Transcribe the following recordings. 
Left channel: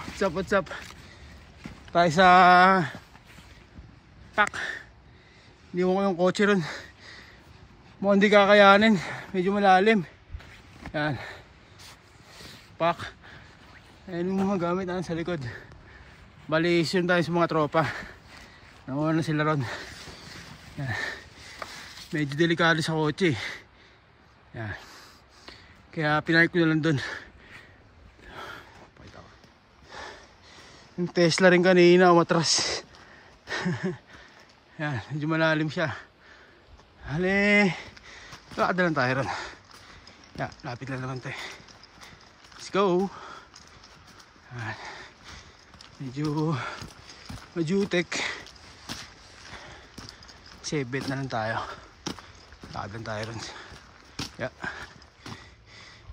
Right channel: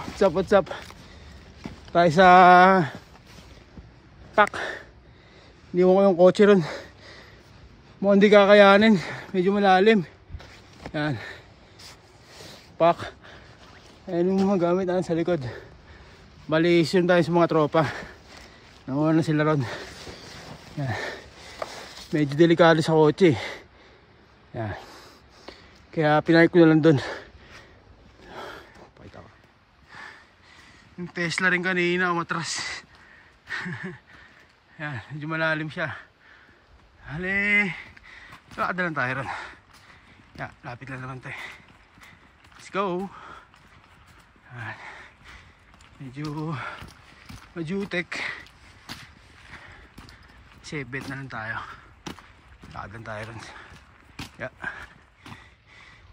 What's up? Tayo sa Tak. Iniwan ko yung kotse ron. Mukhang hindi kakayanin. Medyo malalim. Yan. Pak. Ayan yung mga gamit natin sa likod. Bali, yun tayo sa mga tropa. Nakuha na sila ron. Yan. Medyo delikado sa kotse. Yan. Kaya pinalik ko na lang dun. Yung Tesla rin kanina umatras. Yan, medyo malalim siya. Hali, lakad lang tayo ron. Yan, lapit lang naman tayo. Let's go. Yan. Medyo majutek. Sebet na lang tayo. Lakad lang tayo ron. Yan.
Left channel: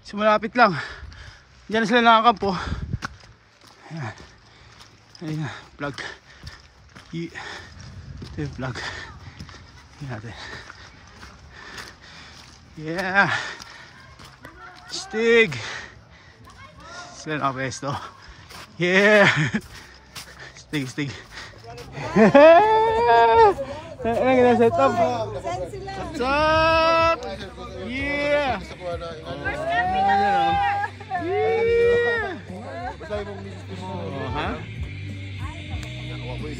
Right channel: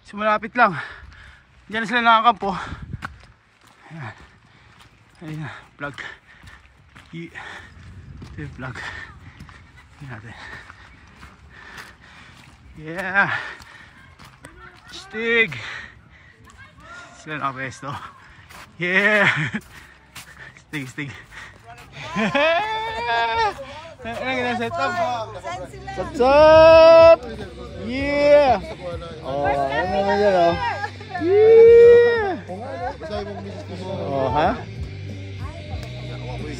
So malapit lang. Diyan na sila nakakampo. Yan. Ayun na, vlog. Ito yung vlog. Tingnan natin. Yeah! Stig! Sila nakapesto. Yeah! Stig. Ayan, gina-set up. What's up? Yeah! Oh, ayan. Yeah! Oh, ha?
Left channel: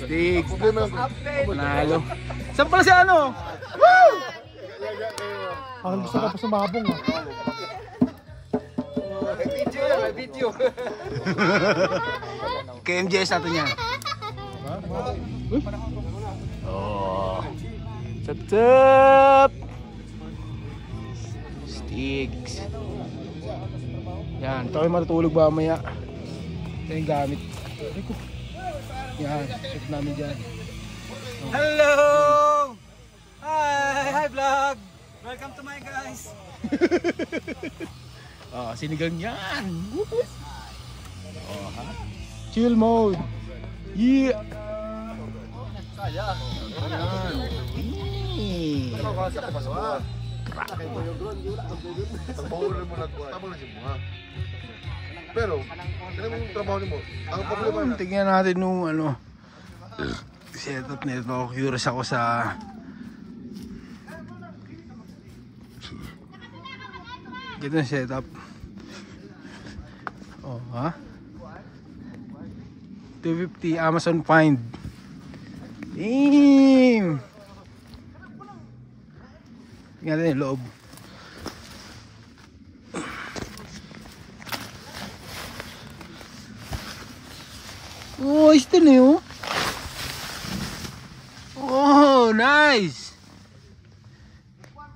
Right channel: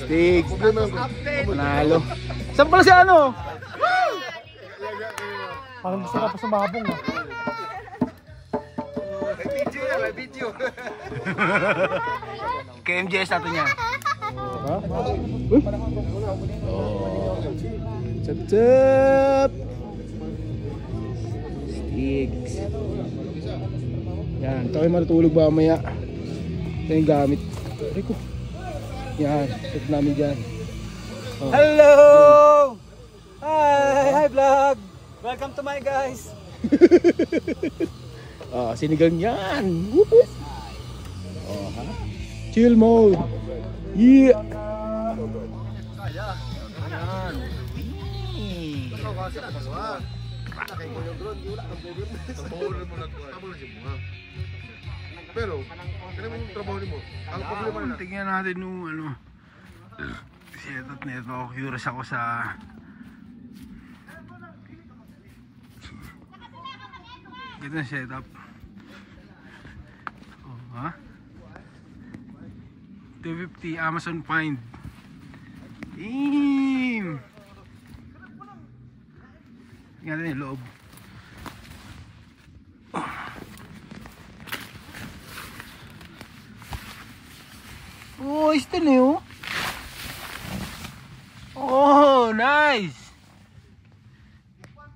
Stig. Panalo. Saan pala si ano? Ang gusto ko sa mabong. May video. KMJS natin yan. Oh. Sup. Stigs. Yan. Ito kayo matutulog ba mamaya. Ito yung gamit. Yan, set namin dyan. Oh. Hello! Hi vlog! Welcome to my guys! Oh, sinigang yan! Oh, ha? Chill mode! Yeah! Yan! Pero, trabaho mo. Tingnan natin nung ano setup nito. Curious ako sa ganito na setup. Oh, ha? 250 Amazon Find. Damn! Tingnan natin yung loob. Oh, ito na yun. Oh, nice.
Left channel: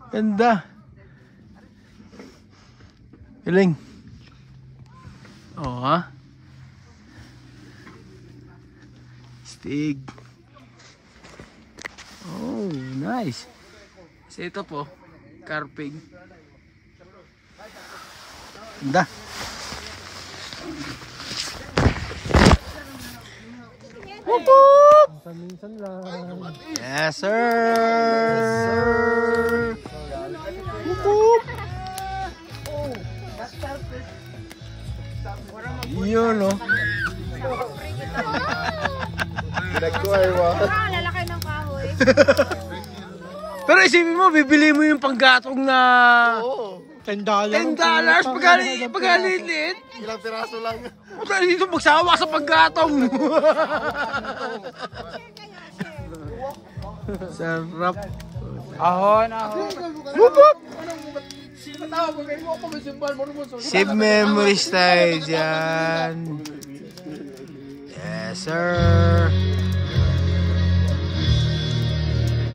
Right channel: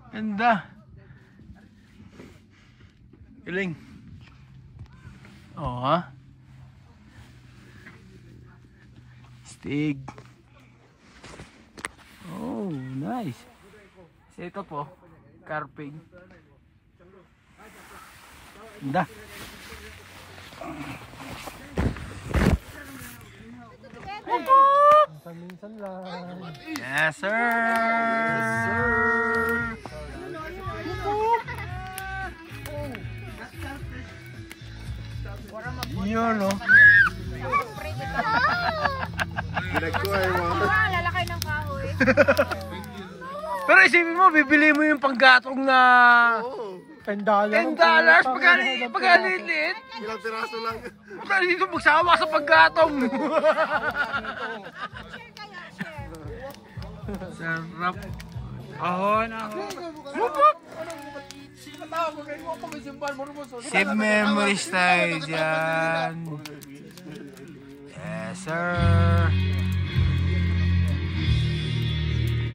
Ganda. Galing. Oh, ha? Stig. Oh, nice. Set up po. Carping. Ganda. Yes, sir. Yun, no? Lalaki ng kahoy. Pero isipin mo, bibili mo yung panggatong na $10. pagkalilit. Ilang piraso lang. Pagka dito magsawa sa panggatong. Sarap. Ahon. Wup! Save memories tayo dyan. Yes, sir.